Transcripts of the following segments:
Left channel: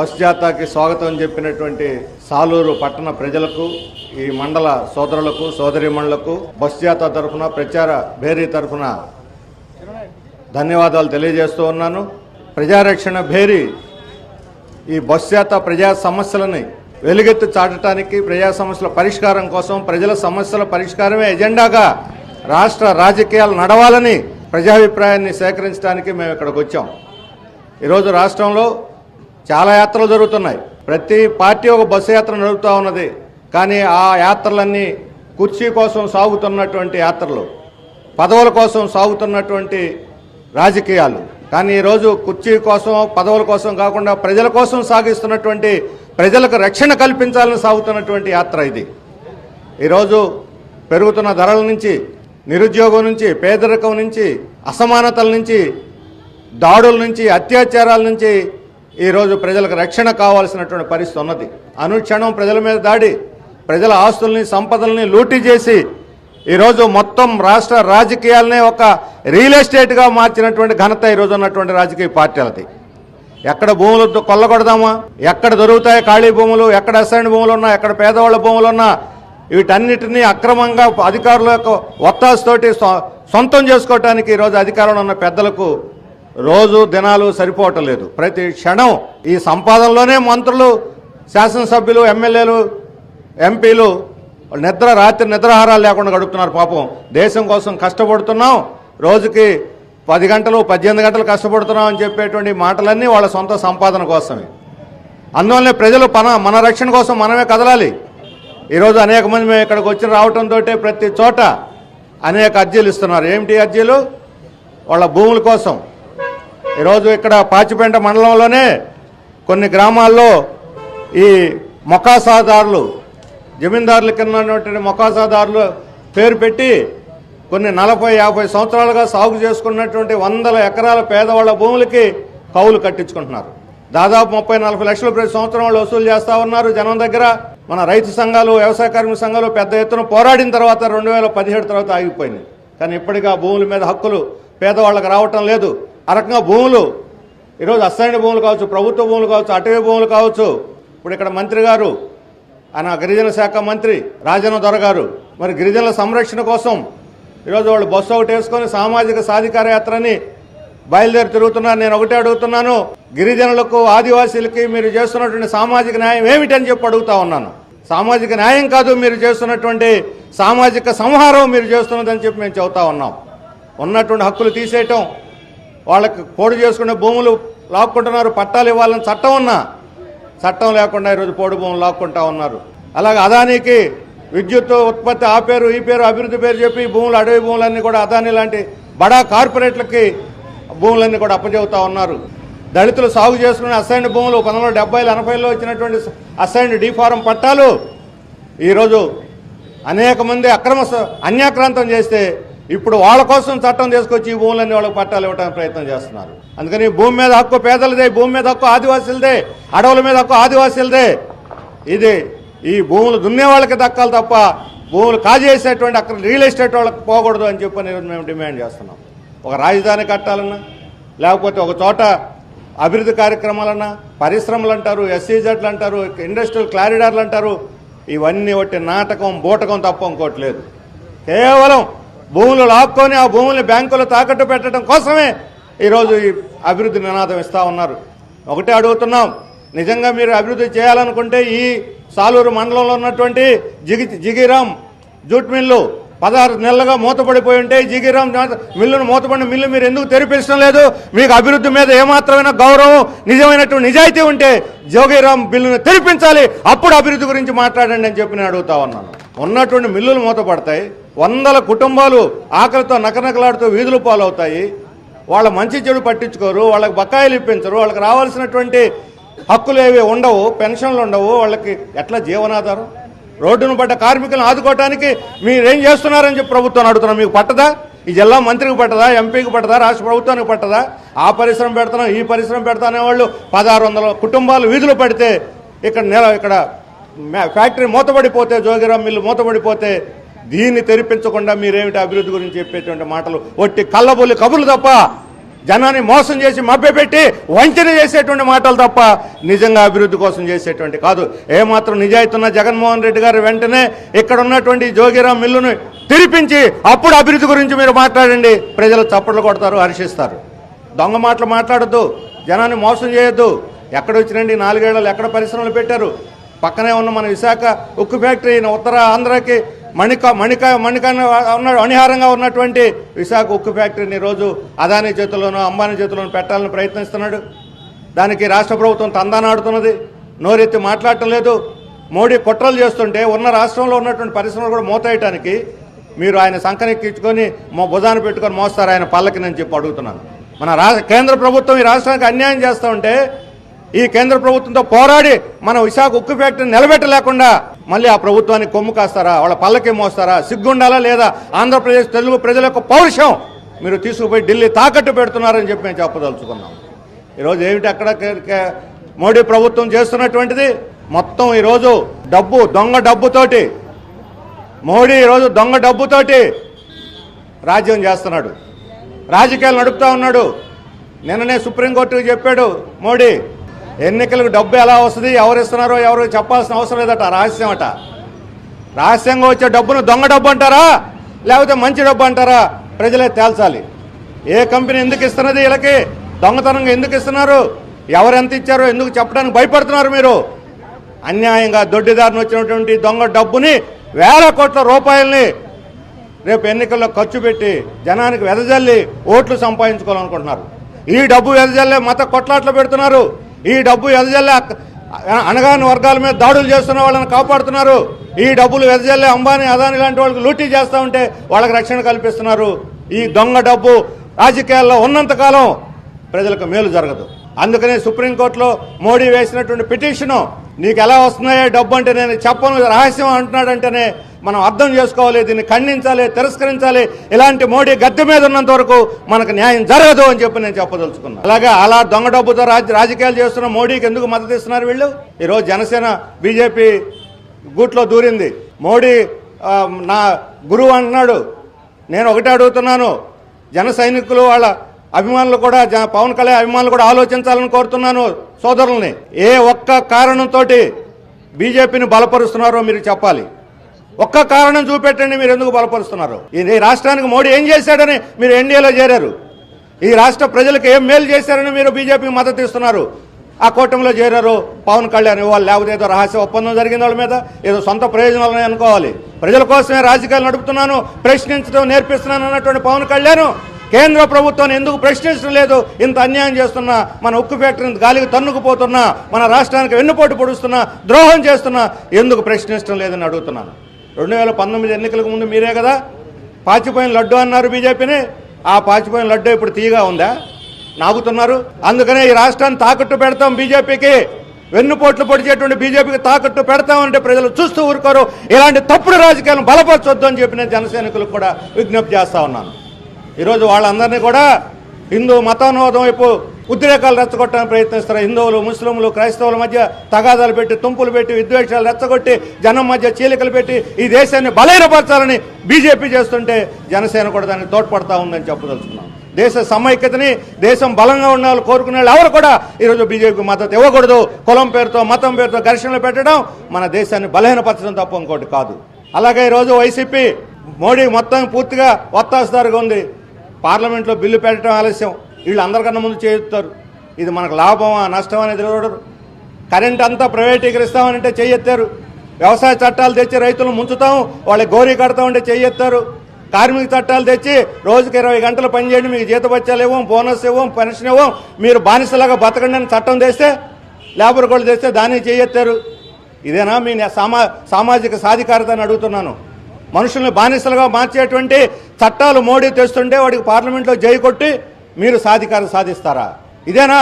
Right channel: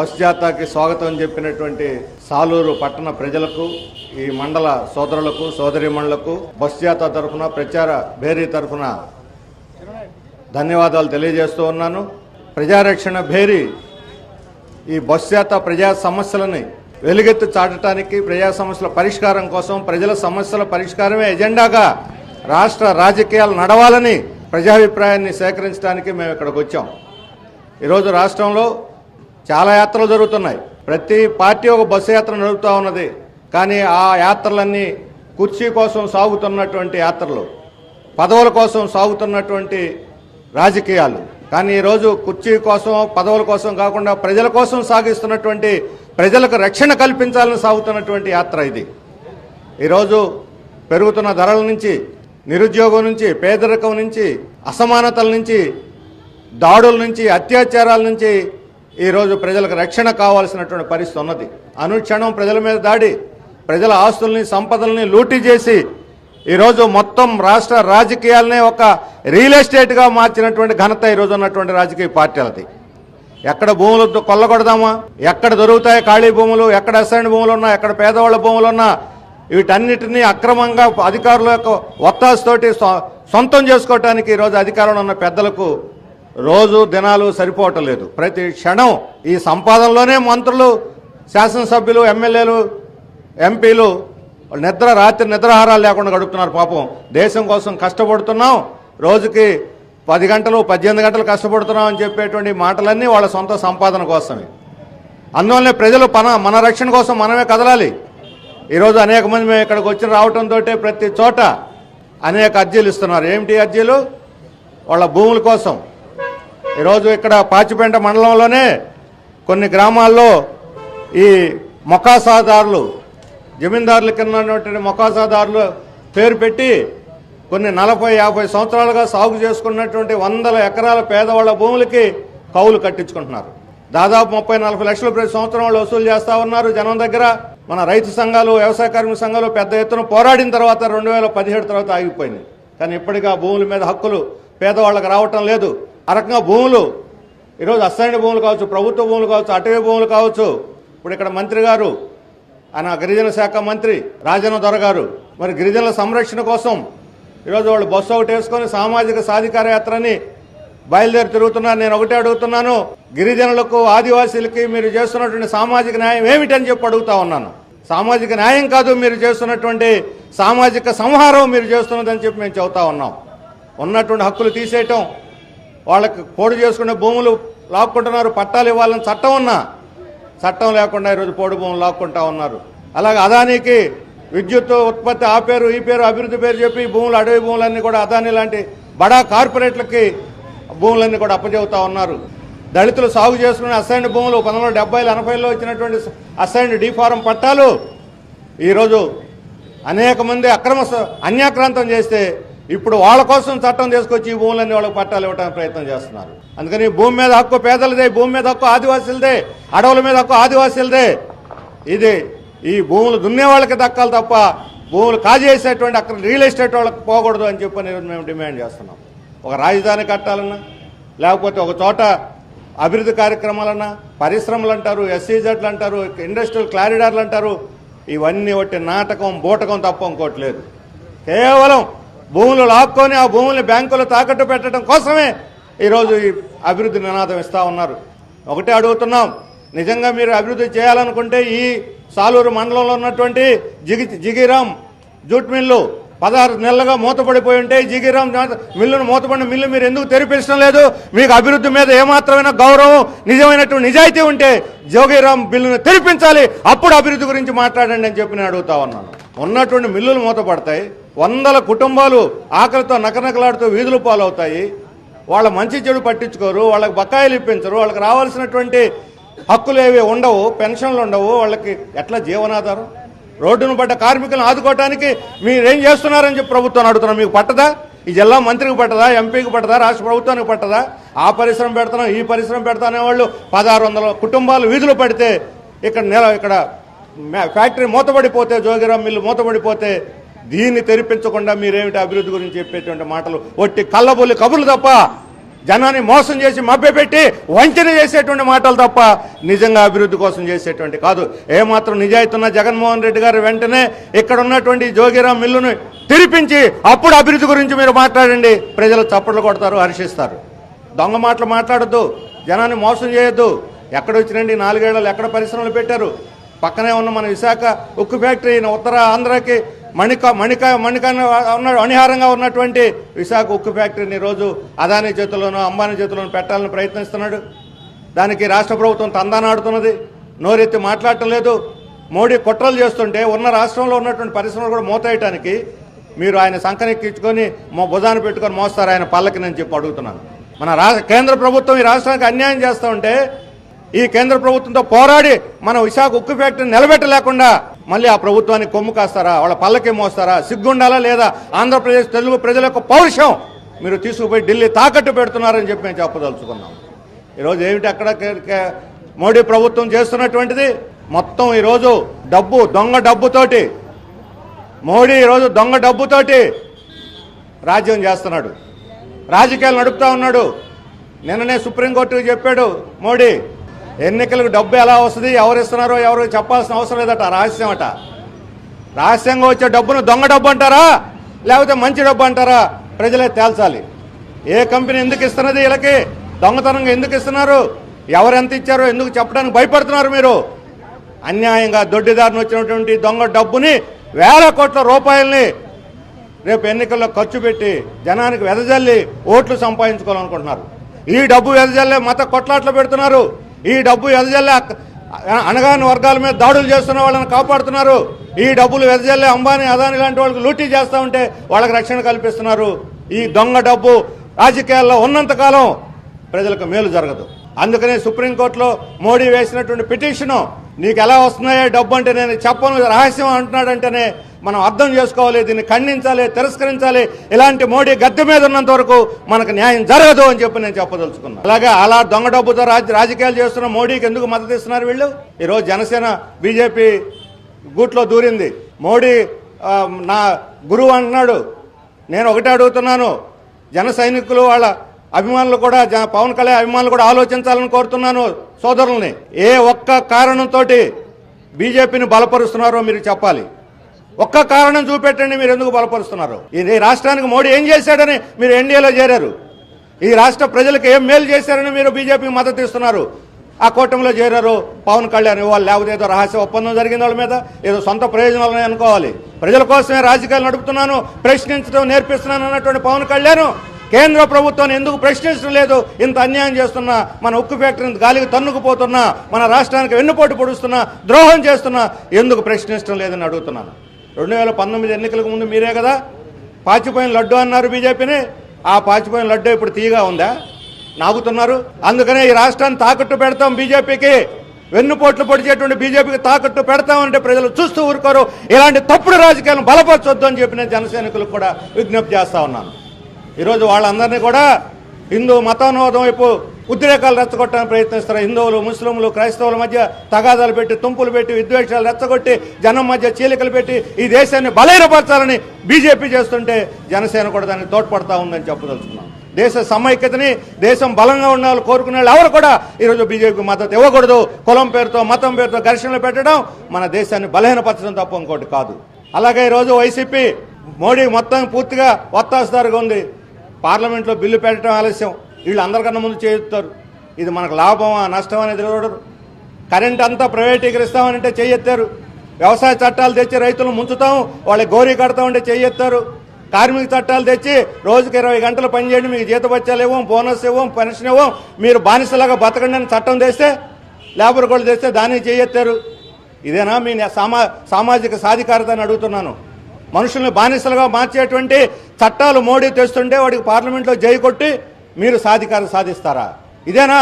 Bus జాతాకి స్వాగతం చెప్పినటువంటి సాలూరు పట్టణ ప్రజలకు ఈ మండల సోదరులకు సోదరిమణులకు బస్ జాతా తరఫున ప్రచార భేరీ తరఫున ధన్యవాదాలు తెలియజేస్తూ ఉన్నాను. ప్రజారక్షణ భేరీ ఈ బస్ జాత ప్రజా సమస్యలని వెలుగెత్తు చాటడానికి ప్రజా సమస్యల పరిష్కారం కోసం ప్రజల సమస్యల పరిష్కారమే ఎజెండాగా రాష్ట్ర రాజకీయాలు నడవాలని ప్రజాభిప్రాయాన్ని సేకరించడానికి మేము ఇక్కడికి వచ్చాం. ఈరోజు రాష్ట్రంలో చాలా యాత్రలు జరుగుతున్నాయి. ప్రతి పార్టీ ఒక బస్సు యాత్ర నడుపుతూ ఉన్నది. కానీ ఆ యాత్రలన్నీ కుర్చీ కోసం సాగుతున్నటువంటి యాత్రలు పదవుల కోసం సాగుతున్నటువంటి రాజకీయాలు. కానీ ఈరోజు కుర్చీ కోసం పదవుల కోసం కాకుండా ప్రజల కోసం సాగిస్తున్నటువంటి ప్రజలకు రక్షణ కల్పించాలని సాగుతున్నటువంటి యాత్ర ఇది. ఈరోజు పెరుగుతున్న ధరల నుంచి నిరుద్యోగం నుంచి పేదరికం నుంచి అసమానతల నుంచి దాడుల నుంచి అత్యాచారాల నుంచి ఈరోజు ప్రజలకు రక్షణ కావాల్సినటువంటి పరిస్థితి ఉన్నది. అనుక్షణం ప్రజల మీద దాడి ప్రజల ఆస్తుల్ని సంపదల్ని లూటీ చేసి ఈరోజు మొత్తం రాష్ట్ర రాజకీయాలని ఒక రియల్ ఎస్టేట్గా మార్చినటువంటి ఘనత ఈరోజు ఉన్నటువంటి రాజకీయ పార్టీలది ఎక్కడ భూములు కొల్లగొడదామా? ఎక్కడ దొరుకుతాయి ఖాళీ భూములు? ఎక్కడ అసైన్ భూములు ఉన్నా? ఎక్కడ పేదవాళ్ళ భూములు ఉన్నా? వీటన్నిటినీ అక్రమంగా అధికారుల యొక్క ఒత్తాసుతోటి సొ- సొంతం చేసుకోవటానికి ఈరోజు అధికారంలో ఉన్న పెద్దలకు రోజు దినాలు సరిపోవటం లేదు. ప్రతి క్షణం ఈ సంపాదనలోనే మంత్రులు శాసనసభ్యులు ఎమ్మెల్యేలు ఎంపీలు నిద్ర రాత్రి నిద్రాహారాలు లేకుండా గడుపుతున్నారు పాపం. దేశం కోసం కష్టపడుతున్నాం. రోజుకి పది గంటలు పద్దెనిమిది గంటలు కష్టపడుతున్నాం అని చెప్పేటువంటి మాటలన్నీ వాళ్ళ సొంత సంపాదన కోసమే. అందువల్లే ప్రజలు మన మన రక్షణ కోసం మనమే కదలాలి. ఈరోజు అనేక మంది మేము ఇక్కడికి వచ్చి రావడంతో ప్రతి చోట అనేక అర్జీలు ఇస్తున్నారు. ఏమిటి అర్జీలు? వాళ్ళ భూముల కోసం. ఈరోజు ఇక్కడ పాచిపేంట మండలంలోనే కొన్ని గ్రామాల్లో ఈ మొకాసాదారులు జమీందారుల కింద ఉన్నటువంటి మొకాసాదారులు పేరు పెట్టి కొన్ని నలభై యాభై సంవత్సరాలుగా సాగు చేసుకున్నటువంటి వందల ఎకరాల పేదవాళ్ళ భూములకి కౌలు కట్టించుకుంటున్నారు. దాదాపు ముప్పై నలభై లక్షలు ప్రతి సంవత్సరం వాళ్ళు వసూలు చేస్తా ఉన్నారు జనం దగ్గర. మన రైతు సంఘాలు వ్యవసాయ కార్మిక సంఘాలు పెద్ద ఎత్తున పోరాడిన తర్వాత రెండు వేల పదిహేడు తర్వాత ఆగిపోయింది కానీ ఇప్పటికీ ఆ భూముల మీద హక్కులు పేదవాళ్ళకి రావటం లేదు. ఆ రకంగా భూములు. ఈరోజు అసైన్ భూములు కావచ్చు ప్రభుత్వ భూములు కావచ్చు అటవీ భూములు కావచ్చు. ఇప్పుడు ఇక్కడ మంత్రి గారు ఆయన గిరిజన శాఖ మంత్రి రాజన్న దొర గారు మరి గిరిజనుల సంరక్షణ కోసం ఈరోజు వాళ్ళు బస్సు ఒకటి వేసుకొని సామాజిక సాధికార యాత్రని బయలుదేరి తిరుగుతున్నారు. నేను ఒకటే అడుగుతున్నాను గిరిజనులకు ఆదివాసీలకి మీరు చేస్తున్నటువంటి సామాజిక న్యాయం ఏమిటని చెప్పి అడుగుతా ఉన్నాను. సామాజిక న్యాయం కాదు మీరు చేస్తున్నటువంటి సామాజిక సంహారం మీరు చేస్తున్నదని చెప్పి మేము చెబుతా ఉన్నాం. ఉన్నటువంటి హక్కులు తీసేయటం వాళ్ళకి పోడు చేసుకునే భూములు లాక్కుంటున్నారు పట్టాలు ఇవ్వాలని చట్టం ఉన్నా. చట్టం లేకుండా ఈరోజు పోడు భూములు లాక్కుంటా ఉన్నారు. అలాగే అదానికి విద్యుత్ ఉత్పత్తి ఆ పేరు ఈ పేరు అభివృద్ధి పేరు చెప్పి భూములు అడవి భూములన్నీ కూడా అదాని లాంటి బడా కార్పొరేట్లకి భూములన్నీ కూడా అప్పచెబుతా ఉన్నారు. దళితులు సాగు చేసుకునే అసైన్డ్ భూములు పంతొమ్మిది డెబ్బైలు ఎనభైలో వచ్చినటువంటి అసైన్డ్ డీఫారం పట్టాలు ఈరోజు అనేక మంది అక్రమ అన్యాక్రాంతం చేస్తే ఇప్పుడు వాళ్ళ కోసం చట్టం తీసుకొచ్చి ఈ భూములన్నీ వాళ్ళకి పట్టాలు ఇవ్వడానికి ప్రయత్నం చేస్తున్నారు. అందుకని భూమి మీద హక్కు పేదలదే భూమి మీద హక్కు ఆదివాసీలదే అడవుల మీద హక్కు ఆదివాసీలదే. ఇది ఈ భూములు దున్నే వాళ్ళకి దక్కాలి తప్ప భూములు కాజేసేటువంటి అక్కడ రియల్ ఎస్టేట్ వాళ్ళకి పోకూడదు అని చెప్పని మేము డిమాండ్ చేస్తున్నాం. ఒక రాజధాని కట్టాలన్నా లేకపోతే ఒక చోట అభివృద్ధి కార్యక్రమాలన్నా పరిశ్రమలు అంటారు ఎస్సీజెడ్లు అంటారు ఇండస్ట్రియల్ క్లారిడార్లు అంటారు ఇవన్నీ ఒకటి నాటకం బూటకం తప్ప ఇంకోట్లేదు కేవలం భూములు లాక్కొని ఆ భూముల్ని బ్యాంకులు తాకట్టు పెట్టడం కోసమే ఈరోజు ఈ అభివృద్ధి నినాదం ఇస్తా ఉన్నారు. ఒకటే అడుగుతున్నాం. నిజంగా మీరు అభివృద్ధి చేయాలనుకుంటే ఈ సాలూరు మండలంలో ఉన్నటువంటి జిగి జిగిరామ్ జూట్ మిల్లు పదహారు నెలలుగా మూతపడిపోయి ఉంటే జిగిరామ్ మిల్లును మూతపడిన మిల్లు మీరు ఎందుకు తెరిపించడం లేదు? మీకు అభివృద్ధి మీద ఏమాత్రమైన గౌరవం నిజమైనటువంటి నిజాయితీ ఉంటే జోగిరామ్ బిల్లును తెరిపించాలి. అప్పుడు అభివృద్ధి గురించి మాట్లాడండి అని చెప్పి నేను అడుగుతా ఉన్నాను. ఉన్నటువంటి మిల్లులు మూతపడతాయి. వందల కుటుంబాలు ఆకలితో నకనకలాడుతూ వీధులు పాలవుతాయి. వాళ్ళ మంచి చెడు పట్టించుకోరు వాళ్ళకి బకాయిలు ఇప్పించరు వాళ్ళకి రావాల్సినటువంటి హక్కులు ఏవి ఉండవు పెన్షన్లు ఉండవు వాళ్ళకి ఎట్లా జీవనాధారం? రోడ్డును పడ్డ కార్మికులను ఆదుకోవడానికి మీరేం చేస్తున్నారని చెప్పి ప్రభుత్వం అడుగుతున్నాం. మీకు పట్టదా? ఈ జిల్లా మంత్రికి పట్టదా? ఎంపీకి పట్టదా? రాష్ట్ర ప్రభుత్వానికి పట్టదా? ఆ పరిశ్రమ పెడతాం ఈ పరిశ్రమ పెడతానే వాళ్ళు పదహారు వందల కుటుంబాలు వీధులు పడితే ఇక్కడ నెల ఇక్కడ ఫ్యాక్టరీ మూతపడిపోతే జోగిరామ్ మిల్లు మూతపడిపోతే దీన్ని తెరిపించకుండా మీరేమిటి అభివృద్ధి గురించి చెప్పేటువంటి మాటలు? ఒట్టి కళ్ళబొల్లి కబుర్లు తప్ప జనాన్ని మోసం చేసి మభ్యపెట్టి వంచన చేసేటువంటి మాటలు తప్ప నిజంగా అభివృద్ధి కోసం చేసేటువంటి కాదు. ఏమాత్రం నిజాయితీ ఉన్న జగన్మోహన్ రెడ్డి గారు వెంటనే ఇక్కడ ఉన్నటువంటి జోగిరాం మిల్లును తెరిపించి అప్పుడు అభివృద్ధి గురించి మీరు మాట్లాడండి. ప్రజలు చప్పట్లు కొడతారు హర్షిస్తారు. దొంగ మాటలు మాట్లాడద్దు. జనాన్ని మోసం చేయొద్దు. ఎక్కడ వచ్చినండి? నాలుగేళ్ళలో ఎక్కడ పరిశ్రమలు పెట్టారు? పక్కనే ఉన్న మన విశాఖ ఉక్కు ఫ్యాక్టరీ ఉత్తర ఆంధ్రకి మణిక మణిక మణిక ఉన్న అనిహారంగా ఉన్నటువంటి విశాఖ ఉక్కు ఫ్యాక్టరీని రోజు అదాని చేతుల్లోనూ అంబానీ చేతుల్లోనూ పెట్టాలని ప్రయత్నిస్తున్నాడు. దానికి రాష్ట్ర ప్రభుత్వం తందానాడుతున్నది. నోరెత్తి మాట్లాడటం లేదు. మోడీ కుట్రలు చేస్తుంటే ఉన్న రాష్ట్రంలో ఉన్నటువంటి పరిశ్రమలు కూడా మోతేయటానికి మీరు ఆయన సంకనెక్కించుకొని భుజాన పెట్టుకొని మోస్తారు ఆయన పల్లకి నేను చెప్పి అడుగుతున్నాను. మన రా కేంద్ర ప్రభుత్వం ఈ రాష్ట్రానికి అన్యాయం చేస్తూ ఉంటే ఈ కేంద్ర ప్రభుత్వంతో పోరాడి మన విశాఖ ఉక్కు ఫ్యాక్టరీ నిలబెట్టలేకుండా మళ్ళీ ఆ ప్రభుత్వానికి కొమ్ము కాస్తారా? వాళ్ళ పల్లకి మోస్తారా? సిగ్గుండాలా లేదా? ఆంధ్రప్రదేశ్ తెలుగు ప్రజల యొక్క పౌరుషం! మీరు తీసుకుపోయి ఢిల్లీ తాకట్టు పెడుతున్నారని చెప్పి మేము చెప్పదలుచుకున్నాం ఈరోజు ఏమిటి అక్కడ మోడీ ప్రభుత్వం చేస్తున్నటువంటిది? మొత్తం ఈరోజు డబ్బు దొంగ డబ్బుతోటి. మోడీ ఈరోజు దొంగ డబ్బుతోటి రాజ్యం చేస్తున్నాడు. రాజకీయాలు నడుపుతా ఉన్నాడు. నిన్ననే సుప్రీంకోర్టుకు చెప్పాడు మోడీ ఎన్నికలకు డబ్బు ఎలా వస్తుంది ఎవరు ఇస్తున్నారో ఎవరు చెప్పాల్సిన అవసరం లేదట రహస్యం అట. రహస్యంగా వచ్చే డబ్బును దొంగ డబ్బు అంటారా లేకపోతే మంచి డబ్బు అంటారా ప్రజలే తేల్చాలి. ఏ కంపెనీ ఎందుకు ఇస్తున్నది వీళ్ళకి దొంగతనంగా ఎందుకు ఇస్తున్నారు ఎవరు ఎంత ఇచ్చారో ఎందుకు చెప్పడానికి భయపడుతున్నారు మీరు? అన్యాయంగా దొడ్డిదారిని వచ్చినటువంటి దొంగ డబ్బుని వేల కోట్ల రూపాయల్ని రేపు ఎన్నికల్లో ఖర్చు పెట్టి జనానికి వెదజల్లి ఓట్లు సంపాదించుకోవాలనుకుంటున్నారు. ఈ డబ్బు వెదజల్లే మత కొట్లాట్లు పెడుతున్నారు. ఈ డబ్బు ఎదజల్లే అనగాని వర్గాల మీద దాడులు చేస్తున్న వాళ్ళని కాపాడుతున్నారు. ఈ డబ్బులు వెదజల్లే అంబానీ అదాని లాంటి వాళ్ళకి లూటీ చేస్తూ ఉంటే వాళ్ళకి రక్షణ కల్పిస్తున్నారు. ఈ దొంగ డబ్బు రాజకీయాల్లో ఉన్నంత కాలం ప్రజలకు మేలు జరగదు. అందుకని సుప్రీంకోర్టులో మోడీ వేసినటువంటి పిటిషన్ నీకు ఎలా వస్తున్నాయో డబ్బు అంటే నేను చెప్పను రహస్యం అంటున్నాడంటేనే మనం అర్థం చేసుకోవాలి దీన్ని ఖండించాలి తిరస్కరించాలి. ఇలాంటి మోడీ గద్దె మీద ఉన్నంత వరకు మనకు న్యాయం జరగదు అని చెప్పి నేను చెప్పదలుచుకున్నాను అలాగే అలా దొంగ డబ్బుతో రాజ- రాజకీయాలు చేస్తున్న మోడీకి ఎందుకు మద్దతు ఇస్తున్నారు వీళ్ళు? ఈరోజు జనసేన బీజేపీ గూట్లో దూరింది. మోడీ నా గురువు అంటున్నాడు. నేను ఒకటే అడుగుతున్నాను. జన సైనికులు వాళ్ళ అభిమానులు కూడా పవన్ కళ్యాణ్ అభిమానులు కూడా ఆలోచించాలని కోరుతున్నాను సోదరుల్ని. ఏ ఒక్క కారణంతో బీజేపీని బలపరుస్తున్నారో మీరు చెప్పాలి. ఒక్క కారణం చూపెట్టండి మీరు ఎందుకు బలపరుస్తున్నారు? ఈ రాష్ట్రానికి మోడీ ఏం చేశాడని మీరు ఎన్డీఏలో చేరారు. ఈ రాష్ట్ర ప్రజలకు ఏం మేలు చేశారని మీరు బీజేపీకి మద్దతు ఇస్తున్నారు. ఆ కూటమిలో చేరారు పవన్ కళ్యాణ్ ఇవ్వాలి లేకపోతే ఏదో రహస్య ఒప్పందం జరిగిన వాళ్ళ మీద ఏదో సొంత ప్రయోజనాలని అనుకోవాలి. ప్రజల కోసమే రాజకీయాలు నడుపుతున్నాను ప్రశ్నించడం నేర్పిస్తున్నాను అన్నటువంటి పవన్ కళ్యాణ్ కేంద్ర ప్రభుత్వాన్ని ఎందుకు ప్రశ్నించడం లేదు? ఇంత అన్యాయం చేస్తున్నా మన ఉక్కు ఫ్యాక్టరీని గాలికి తన్నుకుపోతున్నా మన రాష్ట్రానికి వెన్నుపోటు పొడుస్తున్నా ద్రోహం చేస్తున్నా ఎందుకు ప్రశ్నించడం లేదని అడుగుతున్నాను. రెండు వేల పంతొమ్మిది ఎన్నికలకు ముందు మీరే కదా? పాచిపోయిన లడ్డు అన్నారు బీజేపీని. ఆ పాచిపోయిన లడ్డు ఇప్పుడు తీయగా ఉందా? నాగుతున్నారు. అందుకనే ఈ రాష్ట్రాన్ని తాకట్టు పెడతాం బీజేపీకి. వెన్నుపోట్లు పొడిచేటువంటి బీజేపీకి తాకట్టు పెడతామంటే ప్రజలు చూస్తూ ఊరుకోరు. ఇలాంటి తప్పుడు రాజకీయాలను బలపరచొద్దు అని చెప్పి నేను జనసైనికులకు కూడా విజ్ఞప్తి చేస్తా ఉన్నాను. ఈరోజు వాళ్ళందరినీ కూడా హిందూ మతానోదం వైపు ఉద్రేకాలు రెచ్చగొట్టడానికి ప్రయత్నిస్తారు హిందువులు ముస్లింలు క్రైస్తవుల మధ్య తగాదాలు పెట్టి తుంపులు పెట్టి విద్వేషాలు రెచ్చగొట్టి జనం మధ్య చీలికలు పెట్టి ఈ దేశాన్ని బలహీనపరచాలని బీజేపీ చేస్తుంటే జనసేన కూడా దానికి తోడ్పడతా ఉందని చెప్పదలుచుకున్నాం. దేశ సమైక్యతని దేశం బలంగా ఉన్న వాళ్ళు కోరుకునే వాళ్ళు ఎవరు కూడా ఈరోజు బీజేపీకి మద్దతు ఇవ్వకూడదు. కులం పేరుతో మతం పేరుతో ఘర్షణలు పెట్టడం మన దేశాన్ని బలహీనపరచడం తప్ప ఇంకోటి కాదు. అలాగే ఈరోజు వైసీపీ మోడీ మొత్తం పూర్తిగా ఒత్తాస్తారుగా ఉంది. పార్లమెంట్లో బిల్లు పెట్టడం ఆలస్యం. వీళ్ళు అందరికన్నా ముందు చేస్తారు ఇది మనకు లాభమా నష్టం అనేది చూడరు కరెంట్ అంతా ప్రైవేటీకరిస్తామనంటే చెయ్యెత్తారు వ్యవసాయ చట్టాలు తెచ్చి రైతులు ముంచుతాం వాళ్ళకి గౌరీ కడతామంటే చెయ్యెత్తారు కార్మిక చట్టాలు తెచ్చి రోజుకి ఇరవై గంటలు పనిచేయండి మీకు జీతపత్యాలు ఇవ్వం బోనస్ ఇవ్వం పెన్షన్ ఇవ్వం మీరు బానిసలాగా బతకండి అని చట్టం తెస్తే లేబర్ కూడా తెస్తే దాన్ని చేయెత్తారు. ఇదేనా మీ సామా సామాజిక సాధికారత అని అడుగుతున్నాను. మనుషుల్ని బానిసలుగా మార్చేటువంటి చట్టాలు మోడీ తెస్తుంటే వాడికి పార్లమెంట్లో జై కొట్టి మీరు సాధికారం సాధిస్తారా? ఇదేనా?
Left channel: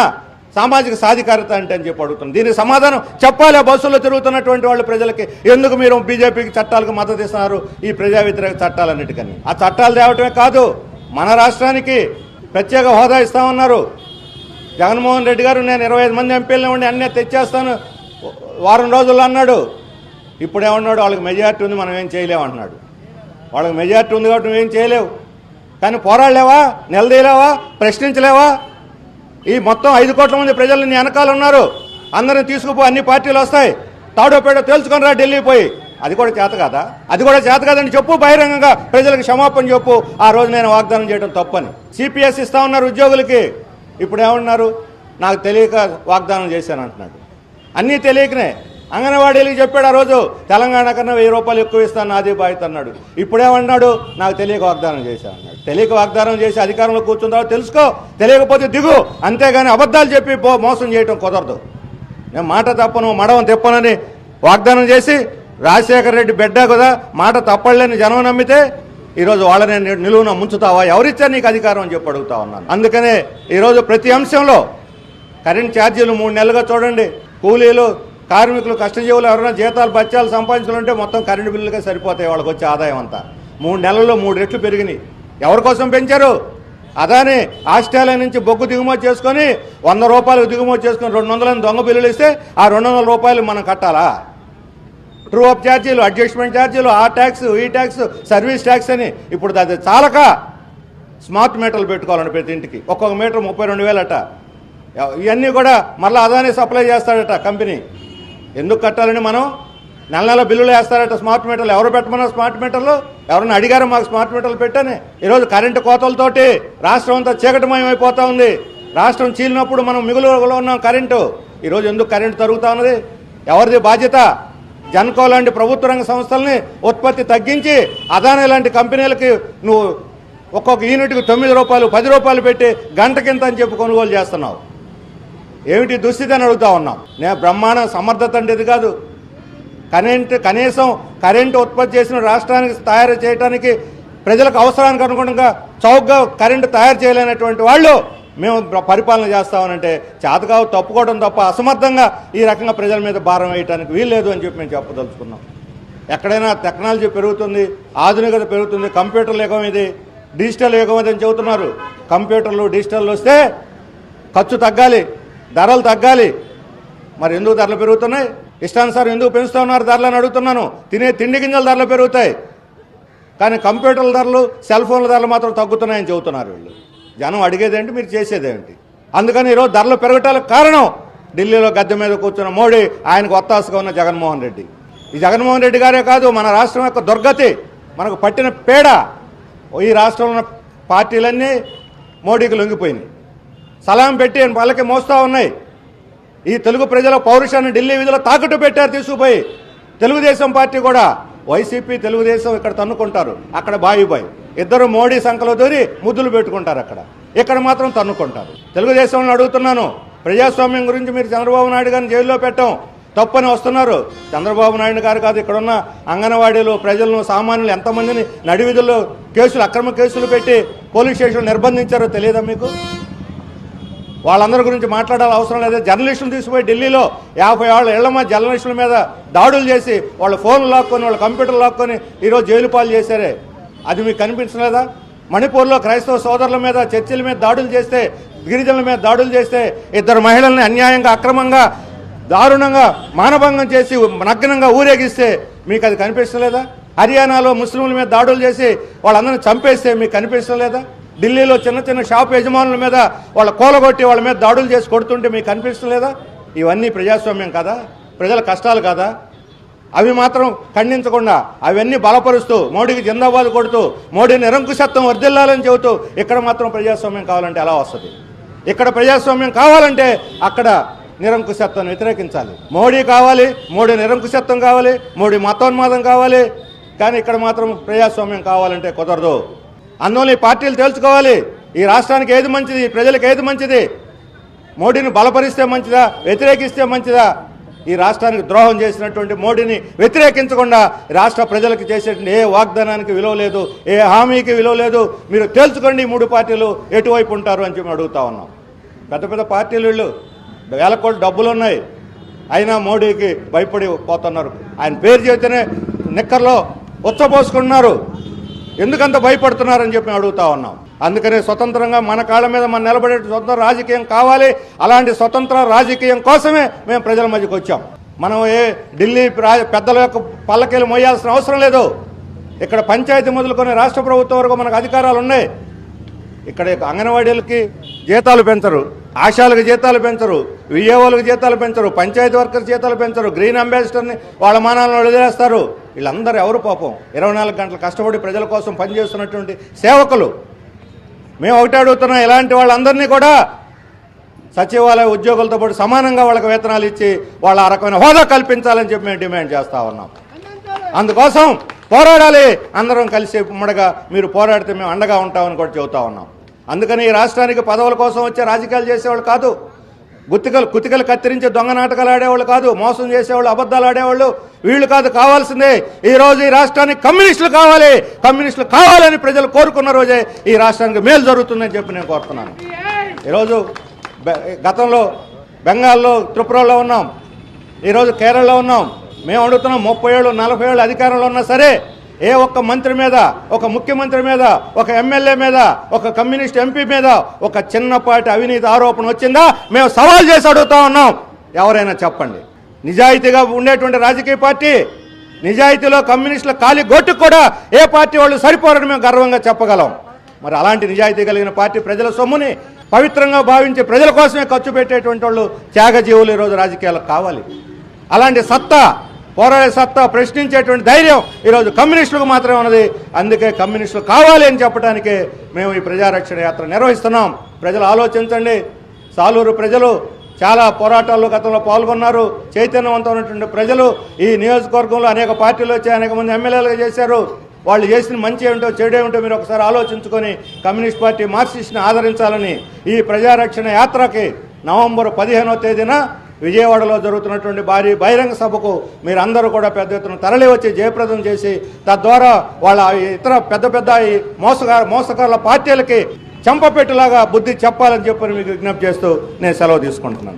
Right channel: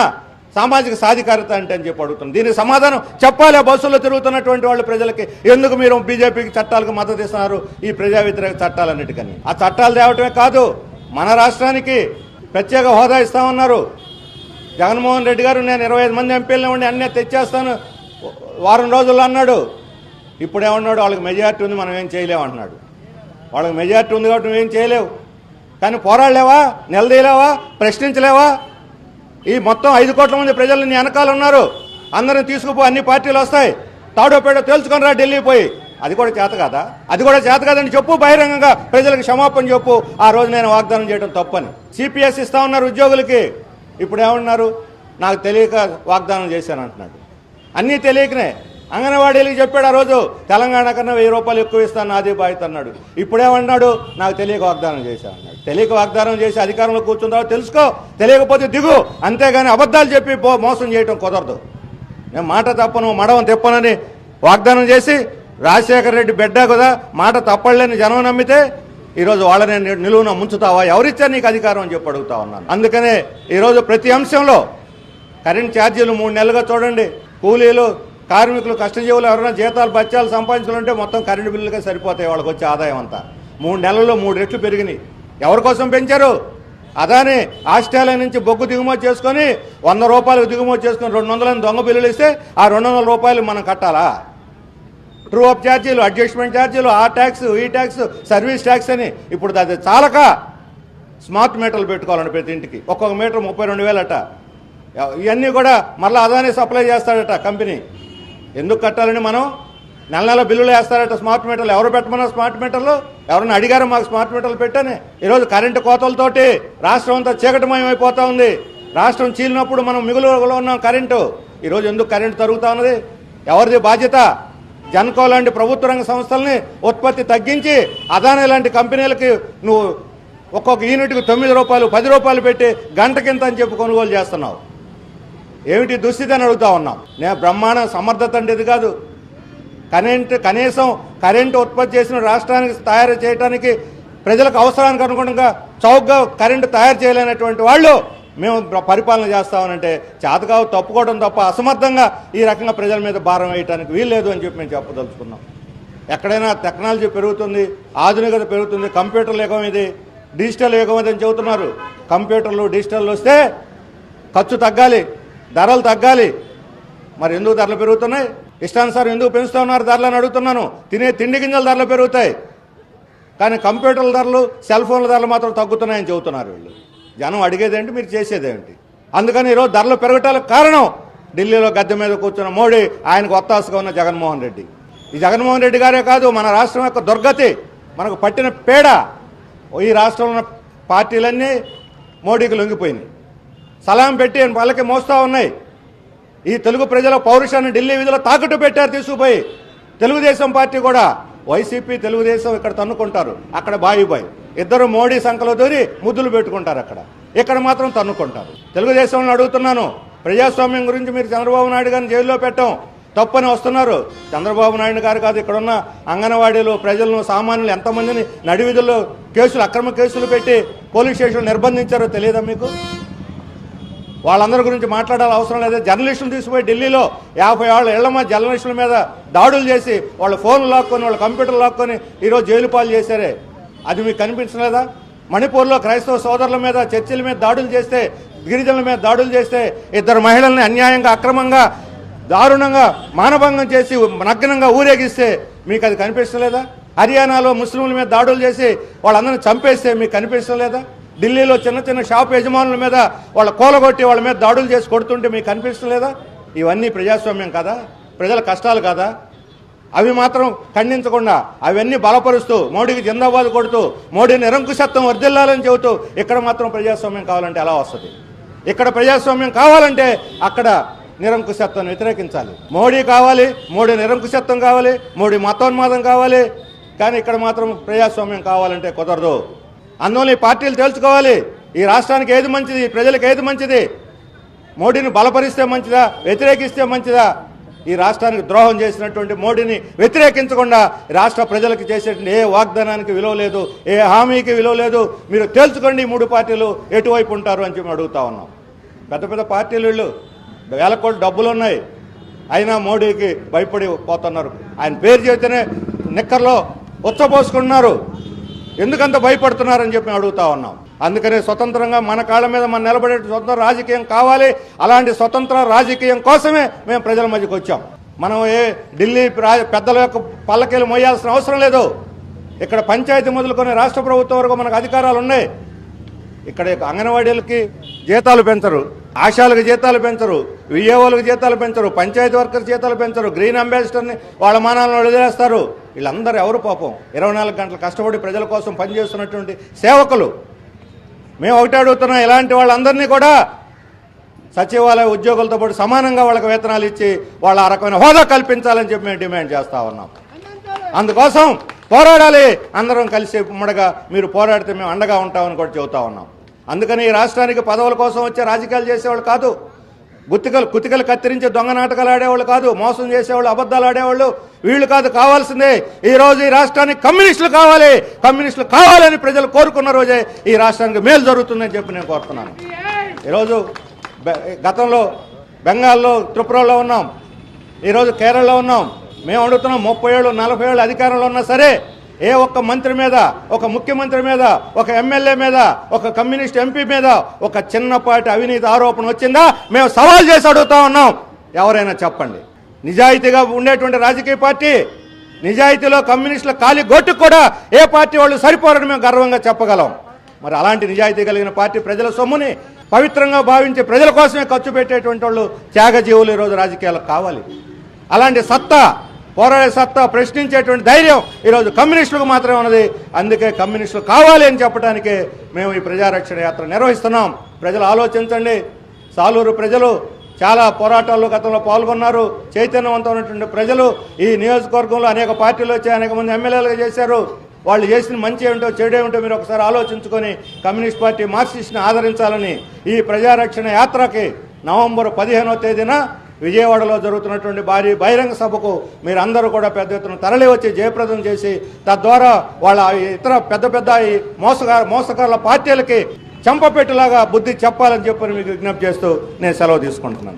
సామాజిక సాధికారత అంటే అని చెప్పి అడుగుతుంది దీనికి సమాధానం చెప్పాలి? బస్సులో తిరుగుతున్నటువంటి వాళ్ళ ప్రజలకి. ఎందుకు మీరు బీజేపీకి చట్టాలకు మద్దతు ఇస్తున్నారు? ఈ ప్రజా వ్యతిరేక చట్టాలన్నిటికని. ఆ చట్టాలు తేవటమే కాదు. మన రాష్ట్రానికి ప్రత్యేక హోదా ఇస్తామన్నారు. జగన్మోహన్ రెడ్డి గారు నేను ఇరవై ఐదు మంది ఎంపీలను ఉండి అన్నీ తెచ్చేస్తాను. వారం రోజుల్లో అన్నాడు. ఇప్పుడేమన్నాడు వాళ్ళకి మెజార్టీ ఉంది మనం ఏం చేయలేము అన్నాడు వాళ్ళకి మెజార్టీ ఉంది కాబట్టి నువ్వేం చేయలేవు. కానీ పోరాడలేవా? నిలదీయలేవా? ప్రశ్నించలేవా? ఈ మొత్తం ఐదు కోట్ల మంది ప్రజలు నీ వెనకాల ఉన్నారు. అందరిని తీసుకుపో అన్ని పార్టీలు వస్తాయి. తాడోపేట తేల్చుకొని రా ఢిల్లీ పోయి. అది కూడా చేత కదా? అది కూడా చేత కాదని చెప్పు బహిరంగంగా ప్రజలకు క్షమాపణ చెప్పు. ఆ రోజు నేను వాగ్దానం చేయడం తప్పని. సిపిఎస్ ఇస్తా ఉన్నారు ఉద్యోగులకి. ఇప్పుడు ఏమన్నారు? నాకు తెలియక వాగ్దానం చేశాను అంటున్నాడు. అన్నీ తెలియకనే. అంగన్వాడీలకు చెప్పాడు ఆ రోజు తెలంగాణ కన్నా వెయ్యి రూపాయలు ఎక్కువ ఇస్తాను నాదే బాధ్యత అన్నాడు. ఇప్పుడేమన్నాడు? నాకు తెలియక వాగ్దానం చేశాను అన్నాడు. తెలియక వాగ్దానం చేసి అధికారంలో కూర్చుందా తెలుసుకో. తెలియకపోతే దిగు. అంతేగాని అబద్ధాలు చెప్పి పో- మోసం చేయటం కుదరదు. నేను మాట తప్పను మడవం తెప్పనని వాగ్దానం చేసి రాజశేఖర రెడ్డి బిడ్డ కదా మాట తప్పలేని జనం నమ్మితే ఈరోజు వాళ్ళని నిలువున ముంచుతావా? ఎవరిచ్చారు నీకు అధికారం అని చెప్పి అడుగుతా ఉన్నాను. అందుకనే ఈరోజు ప్రతి అంశంలో కరెంట్ ఛార్జీలు మూడు నెలలుగా చూడండి. కూలీలు కార్మికులు కష్టజీవులు ఎవరైనా జీతాలు బత్యాలు సంపాదించాలంటే మొత్తం కరెంటు బిల్లుగా సరిపోతాయి వాళ్ళకి వచ్చే ఆదాయం అంతా. మూడు నెలల్లో మూడు రెట్లు పెరిగినాయి. ఎవరి కోసం పెంచారు? అదాని ఆస్ట్రేలియా నుంచి బొగ్గు దిగుమతి చేసుకొని వంద రూపాయలు దిగుమతి చేసుకొని రెండు వందల దొంగ బిల్లులు ఇస్తే ఆ రెండు వందల రూపాయలు మనం కట్టాలా? ట్రూ అప్ ఛార్జీలు అడ్జస్ట్మెంట్ ఛార్జీలు ఆ ట్యాక్స్ ఈ ట్యాక్స్ సర్వీస్ ట్యాక్స్ అని. ఇప్పుడు అది చాలక స్మార్ట్ మీటర్లు పెట్టుకోవాలండి ప్రతి ఇంటికి. ఒక్కొక్క మీటర్ ముప్పై రెండు వేలట. ఇవన్నీ కూడా మళ్ళీ అదానే సప్లై చేస్తాడట కంపెనీ. ఎందుకు కట్టాలని మనం? నెల నెల బిల్లులు వేస్తారట స్మార్ట్ మీటర్లు ఎవరు పెట్టమన్నారు స్మార్ట్ మీటర్లు ఎవరన్నా అడిగారు మాకు స్మార్ట్ మీటర్లు పెట్టని? ఈరోజు కరెంటు కోతలతోటి రాష్ట్రం అంతా చీకటమయం అయిపోతా ఉంది. రాష్ట్రం చీలినప్పుడు మనం మిగులులో ఉన్నాం కరెంటు ఈరోజు ఎందుకు కరెంటు తరుగుతా ఉన్నది? ఎవరిది బాధ్యత? జన్కో లాంటి ప్రభుత్వ రంగ సంస్థల్ని ఉత్పత్తి తగ్గించి అదానీ లాంటి కంపెనీలకి నువ్వు ఒక్కొక్క యూనిట్కి తొమ్మిది రూపాయలు పది రూపాయలు పెట్టి గంట కింద అని చెప్పి కొనుగోలు చేస్తున్నావు. ఏమిటి దుస్థితి అని అడుగుతా ఉన్నాం? నేను బ్రహ్మాండ సమర్థత అంటే ఇది కాదు. కరెంట్ కనీసం కరెంటు ఉత్పత్తి చేసిన రాష్ట్రానికి తయారు చేయడానికి ప్రజలకు అవసరానికి అనుగుణంగా చౌకగా కరెంటు తయారు చేయలేనటువంటి వాళ్ళు మేము పరిపాలన చేస్తామనంటే చేతకావు తప్పుకోవడం తప్ప అసమర్థంగా ఈ రకంగా ప్రజల మీద భారం వేయడానికి వీల్లేదు అని చెప్పి మేము చెప్పదలుచుకున్నాం. ఎక్కడైనా టెక్నాలజీ పెరుగుతుంది ఆధునికత పెరుగుతుంది కంప్యూటర్లు యుగం ఇది డిజిటల్ యుగం ఇది అని చెబుతున్నారు. కంప్యూటర్లు డిజిటల్ వస్తే ఖర్చు తగ్గాలి. ధరలు తగ్గాలి. మరి ఎందుకు ధరలు పెరుగుతున్నాయి? ఇష్టానుసారం ఎందుకు పెంచుతూ ఉన్నారు? ధరలు అని అడుగుతున్నాను. తినే తిండి గింజల ధరలు పెరుగుతాయి. కానీ కంప్యూటర్ల ధరలు సెల్ ఫోన్ల ధరలు మాత్రం తగ్గుతున్నాయని చెబుతున్నారు వీళ్ళు. జనం అడిగేదేంటి మీరు చేసేదేంటి అందుకని ఈరోజు ధరలు పెరగటానికి కారణం ఢిల్లీలో గద్దె మీద కూర్చున్న మోడీ ఆయనకు ఒత్తాసుగా ఉన్న జగన్మోహన్ రెడ్డి. ఈ జగన్మోహన్ రెడ్డి గారే కాదు మన రాష్ట్రం యొక్క దుర్గతి మనకు పట్టిన పేడ. ఈ రాష్ట్రంలో ఉన్న పార్టీలన్నీ మోడీకి లొంగిపోయినాయి. సలాం పెట్టి వాళ్ళకి మోస్తా ఉన్నాయి. ఈ తెలుగు ప్రజల పౌరుషాన్ని ఢిల్లీ వీధిలో తాకట్టు పెట్టారు తీసుకుపోయి. తెలుగుదేశం పార్టీ కూడా వైసీపీ తెలుగుదేశం ఇక్కడ తన్నుకుంటారు. అక్కడ బాయి ఇద్దరు మోడీ సంఖలో దూరి ముద్దులు పెట్టుకుంటారు అక్కడ. ఇక్కడ మాత్రం తన్నుకుంటారు. తెలుగుదేశం అడుగుతున్నాను. ప్రజాస్వామ్యం గురించి మీరు చంద్రబాబు నాయుడు గారిని జైల్లో పెట్టాం. తప్పని వస్తున్నారు. చంద్రబాబు నాయుడు గారు కాదు ఇక్కడున్న అంగన్వాడీలు ప్రజలను సామాన్యులు ఎంతమందిని నడివిధుల్లో కేసులు అక్రమ కేసులు పెట్టి పోలీస్ స్టేషన్లు నిర్బంధించారో తెలియదా మీకు? వాళ్ళందరి గురించి మాట్లాడాలి అవసరం లేదు. జర్నలిస్టులు తీసుకుపోయి ఢిల్లీలో యాభై ఏళ్ళ ఇళ్ళ మధ్య జర్నలిస్టుల మీద దాడులు చేసి వాళ్ళ ఫోన్లు లాక్కొని వాళ్ళ కంప్యూటర్లు లాక్కొని ఈరోజు జైలు పాలు చేశారే. అది మీకు కనిపించలేదా? మణిపూర్లో క్రైస్తవ సోదరుల మీద చర్చిల మీద దాడులు చేస్తే గిరిజనుల మీద దాడులు చేస్తే ఇద్దరు మహిళల్ని అన్యాయంగా అక్రమంగా దారుణంగా మానభంగం చేసి నగ్నంగా ఊరేగిస్తే మీకు అది కనిపించలేదా హర్యానాలో ముస్లింల మీద దాడులు చేసి వాళ్ళందరినీ చంపేస్తే మీకు కనిపించలేదా ఢిల్లీలో చిన్న చిన్న షాప్ యజమానుల మీద వాళ్ళ కూలగొట్టి వాళ్ళ మీద దాడులు చేసి కొడుతుంటే మీకు కనిపిస్తలేదా? ఇవన్నీ ప్రజాస్వామ్యం కదా? ప్రజల కష్టాలు కదా? అవి మాత్రం ఖండించకుండా అవన్నీ బలపరుస్తూ మోడీకి జిందాబాద్ కొడుతూ మోడీ నిరంకుశత్వం వర్దిల్లాలని చెబుతూ ఇక్కడ మాత్రం ప్రజాస్వామ్యం కావాలంటే ఎలా వస్తుంది? ఇక్కడ ప్రజాస్వామ్యం కావాలంటే అక్కడ నిరంకుశత్వం వ్యతిరేకించాలి. మోడీ కావాలి మోడీ నిరంకుశత్వం కావాలి మోడీ మతోన్మాదం కావాలి. కానీ ఇక్కడ మాత్రం ప్రజాస్వామ్యం కావాలంటే కుదరదు. అందువల్ల ఈ పార్టీలు తెలుసుకోవాలి ఈ రాష్ట్రానికి ఏది మంచిది ఈ ప్రజలకు ఏది మంచిది? మోడీని బలపరిస్తే మంచిదా వ్యతిరేకిస్తే మంచిదా? ఈ రాష్ట్రానికి ద్రోహం చేసినటువంటి మోడీని వ్యతిరేకించకుండా రాష్ట్ర ప్రజలకు చేసేటువంటి ఏ వాగ్దానానికి విలువ లేదు ఏ హామీకి విలువ లేదు. మీరు తేల్చుకోండి మూడు పార్టీలు ఎటువైపు ఉంటారు అని చెప్పి అడుగుతా ఉన్నాం. పెద్ద పెద్ద పార్టీలు వీళ్ళు. వేల కోట్లు డబ్బులు ఉన్నాయి. అయినా మోడీకి భయపడి పోతున్నారు ఆయన పేరు చేతనే నిక్కర్లో ఉచ్చపోసుకుంటున్నారు ఎందుకంత భయపడుతున్నారని చెప్పి అడుగుతా ఉన్నాం. అందుకనే స్వతంత్రంగా మన కాళ్ళ మీద మనం నిలబడే స్వతంత్ర రాజకీయం కావాలి. అలాంటి స్వతంత్ర రాజకీయం కోసమే మేము ప్రజల మధ్యకి వచ్చాం. మనం ఏ ఢిల్లీ పెద్దల యొక్క పల్లకీలు మోయాల్సిన అవసరం లేదు. ఇక్కడ పంచాయతీ మొదలుకొని రాష్ట్ర ప్రభుత్వం వరకు మనకు అధికారాలు ఉన్నాయి. ఇక్కడ అంగన్వాడీలకి జీతాలు పెంచరు. ఆశాలకు జీతాలు పెంచరు. విఏఓలకు జీతాలు పెంచరు పంచాయతీ వర్కర్స్ జీతాలు పెంచరు గ్రీన్ అంబాసిడర్ని వాళ్ళ మానాలను వదిలేస్తారు. వీళ్ళందరూ ఎవరు పాపం? ఇరవై నాలుగు గంటలు కష్టపడి ప్రజల కోసం పనిచేస్తున్నటువంటి సేవకులు. మేము ఒకటే అడుగుతున్నాం ఇలాంటి వాళ్ళందరినీ కూడా సచివాలయ ఉద్యోగులతో పాటు సమానంగా వాళ్ళకి వేతనాలు ఇచ్చి వాళ్ళ ఆ రకమైన హోదా కల్పించాలని చెప్పి మేము డిమాండ్ చేస్తా ఉన్నాం. అందుకోసం పోరాడాలి. అందరం కలిసి ఉమ్మడిగా మీరు పోరాడితే మేము అండగా ఉంటామని కూడా చెబుతా ఉన్నాం. అందుకని ఈ రాష్ట్రానికి పదవుల కోసం వచ్చే రాజకీయాలు చేసేవాళ్ళు కాదు. గుత్తికలు కుతికలు కత్తిరించి దొంగ నాటకాలు ఆడేవాళ్ళు కాదు మోసం చేసేవాళ్ళు అబద్ధాలు ఆడేవాళ్ళు. వీళ్ళు కాదు కావాల్సిందే. ఈ రోజు ఈ రాష్ట్రానికి కమ్యూనిస్టులు కావాలి. కమ్యూనిస్టులు కావాలని ప్రజలు కోరుకున్న రోజే ఈ రాష్ట్రానికి మేలు జరుగుతుందని చెప్పి నేను కోరుతున్నాను. ఈరోజు గతంలో బెంగాల్లో త్రిపురలో ఉన్నాం. ఈరోజు కేరళలో ఉన్నాం. మేము అడుగుతున్నాం ముప్పై ఏళ్ళు నలభై ఏళ్ళు అధికారంలో ఉన్నా సరే ఏ ఒక్క మంత్రి మీద ఒక ముఖ్యమంత్రి మీద ఒక ఎమ్మెల్యే మీద ఒక కమ్యూనిస్ట్ ఎంపీ మీద ఒక చిన్నపాటి అవినీతి ఆరోపణ వచ్చిందా? మేము సవాల్ చేసి అడుగుతా ఉన్నాం. ఎవరైనా చెప్పండి. నిజాయితీగా ఉండేటువంటి రాజకీయ పార్టీ నిజాయితీలో కమ్యూనిస్టుల ఖాళీ గొట్టు కూడా ఏ పార్టీ వాళ్ళు సరిపోరని మేము గర్వంగా చెప్పగలం. మరి అలాంటి నిజాయితీ కలిగిన పార్టీ ప్రజల సొమ్ముని పవిత్రంగా భావించి ప్రజల కోసమే ఖర్చు పెట్టేటువంటి వాళ్ళు త్యాగజీవులు ఈరోజు రాజకీయాలకు కావాలి. అలాంటి సత్తా పోరాడే సత్తా ప్రశ్నించేటువంటి ధైర్యం ఈరోజు కమ్యూనిస్టులకు మాత్రమే ఉన్నది. అందుకే కమ్యూనిస్టులు కావాలి అని చెప్పడానికి మేము ఈ ప్రజారక్షణ యాత్ర నిర్వహిస్తున్నాం. ప్రజలు ఆలోచించండి. సాలూరు ప్రజలు చాలా పోరాటాల్లో గతంలో పాల్గొన్నారు. చైతన్యవంతమైనటువంటి ప్రజలు ఈ నియోజకవర్గంలో అనేక పార్టీలు వచ్చి అనేక మంది ఎమ్మెల్యేలుగా చేశారు. వాళ్ళు చేసిన మంచి ఏమిటో చెడు ఏమిటో మీరు ఒకసారి ఆలోచించుకొని కమ్యూనిస్ట్ పార్టీ మార్క్సిస్ట్ని ఆదరించాలని ఈ ప్రజారక్షణ యాత్రకి నవంబర్ పదిహేనో తేదీన విజయవాడలో జరుగుతున్నటువంటి భారీ బహిరంగ సభకు మీరందరూ కూడా పెద్ద ఎత్తున తరలి వచ్చి జయప్రదం చేసి తద్వారా వాళ్ళ ఇతర పెద్ద పెద్ద మోసగా మోసగార మోసగారుల పార్టీలకి చంపపెట్టేలాగా బుద్ధి చెప్పాలని చెప్పని మీకు విజ్ఞప్తి చేస్తూ నేను సెలవు తీసుకుంటున్నాను.